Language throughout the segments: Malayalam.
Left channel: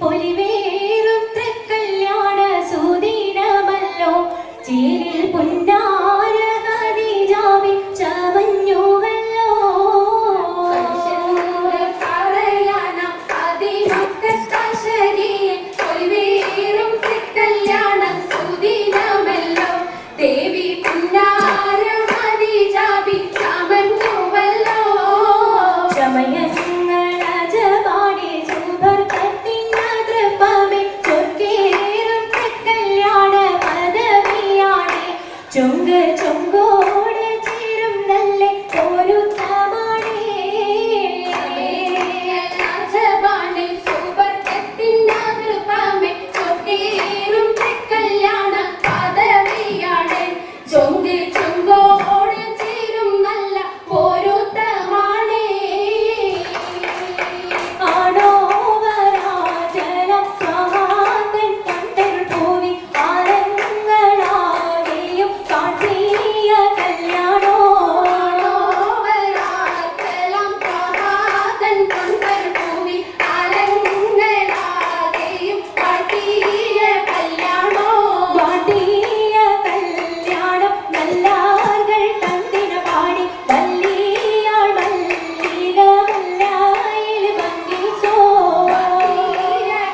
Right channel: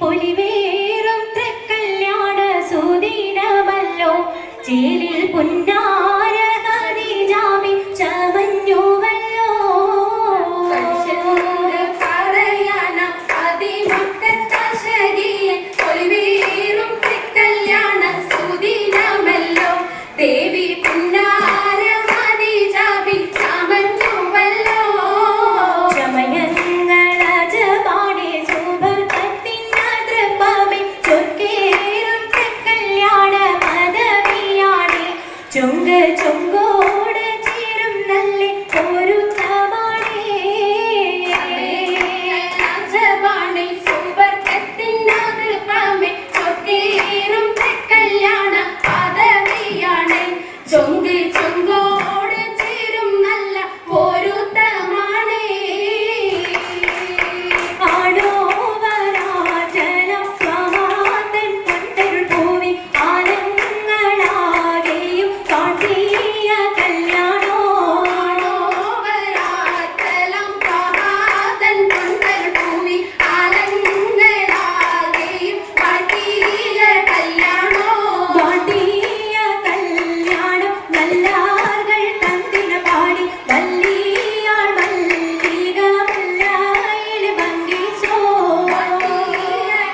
പൊലിവേറും തൃക്കല്യാണ സുദിനമല്ലോ ചേലിൽ പുന്നാര ഖദീജാവിൻ ചമഞ്ഞുവല്ലോ പൊലിവേറും തൃക്കല്യാണ സുദിനമല്ലോ ദേവി പുന്നാര ഖദീജാവിൻ ചമഞ്ഞുവല്ലോ ചുങ്ക് ചുങ്കോട് ചേരും നല്ല പൊരുത്തമാണേ രാജവാണി സുവർഗത്തിനകൃപമേ ചൊക്കേറും കല്യാണ പദവിയാണ് ചുങ്ക് ചുങ്കോട് ചേരും നല്ല പൊരുത്തമാണേ ആണോ വരാജലം മഹാന്തൻ കണ്ടൽ ഭൂമി ആനങ്ങളാകെയും കാട്ടിയ കല്യാണോ വരാജലം മഹാന്തൻ കണ്ടൽ ഭൂമി ആനങ്ങളാകെയും കാട്ടിയ കല്യാണോ കാട്ടിയ കല്യാണം നല്ലാർകൾ കണ്ടിന പാടി വല്ലിയാൾ മല്ലിക മുല്ലായിൽ ഭംഗിച്ചോ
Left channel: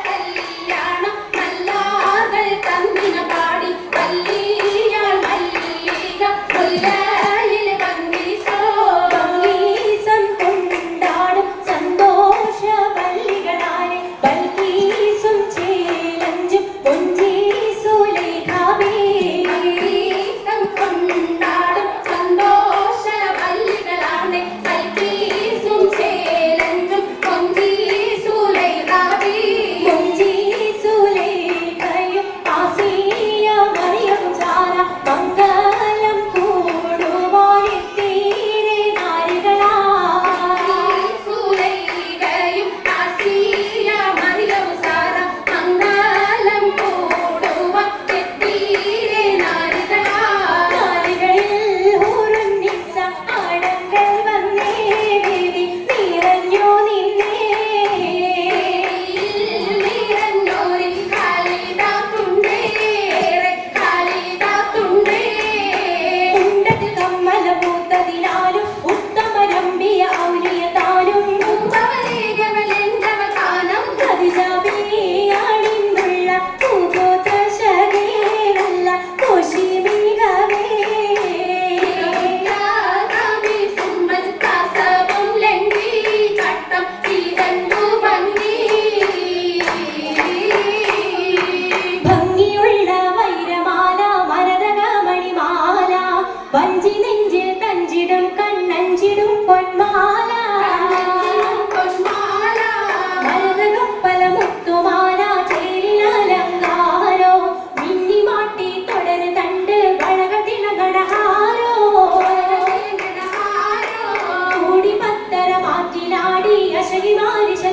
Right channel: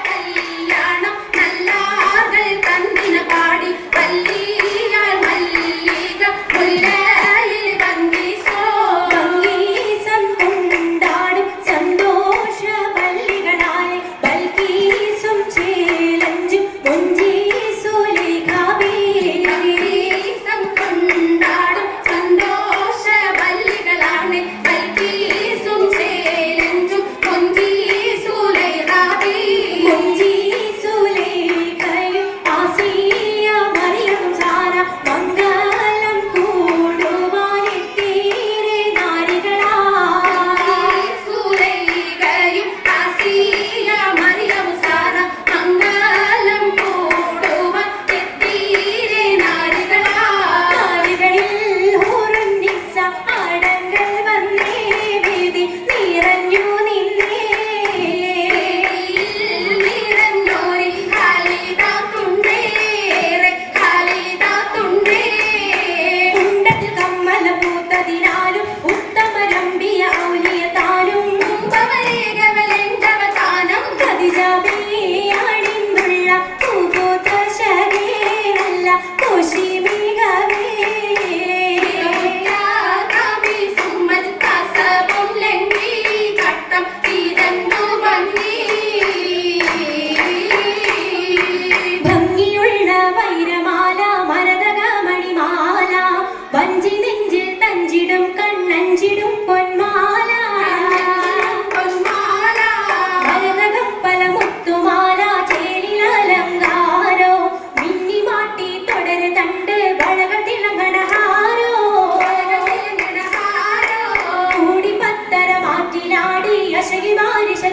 കല്യാണം നല്ലാർകൾ കണ്ടിന പാടി വല്ലിയാൾ മല്ലിക മുല്ലായിൽ ഭംഗിച്ചോ ഭംഗീസം കൊണ്ടാടും സന്തോഷ വല്ലികളാലെ ബൽക്കീസും ചേലഞ്ചും സുലൈഖാബേ ഭംഗീസം കൊണ്ടാടും സന്തോഷ വല്ലികളാണ് ബൽക്കീസും ചേലഞ്ചും സുലൈഖാബേ സുലൈഖയും ആസിയ മറിയവും സാര മംഗലം കൂടുവാനെത്തിയിരെ നാരികളാ സുലൈഖയും ആസിയ മറിയവും സാര മംഗലം കൂടുവാൻ എത്തിയിരെ നാരികളാ നാരികളിൽ ഹൂറുൻ നിസ്സ ആടങ്ങൾ വന്നേ വേദി നിറഞ്ഞു നിന്നേ നിറഞ്ഞോരി ഖാലിദാത്തുണ്ടേറെ ഖാലിദാത്തുണ്ടേ ഉണ്ടത് കമ്മല പൂത്തതിനാലും ഉത്തമരമ്പിയ ഔലിയതാനും ഉപവരേഖവലെന്തവതാനം ഖദീജാബിയാണിന്നുള്ള പൂഗോത്ര ശരീരല്ല കോശിമികവേ സുമ്മൽ കാസവും ലംഘി കട്ടം തീരന്നു ഭംഗിയുള്ള വൈരമാല മരതക മണിമാല വഞ്ചി നെഞ്ചിൽ തഞ്ചിടും കണ്ണഞ്ചിടും പൊന്മാല മരതകം പല മുത്തുമാല ചേലലങ്കാരോ മിന്നിമാട്ടി തുടര് തണ്ട് വളകൾ തിളങ്ങണഹാരോ കൂടി പത്തര മാറ്റിലാടി അശകിമാരിശ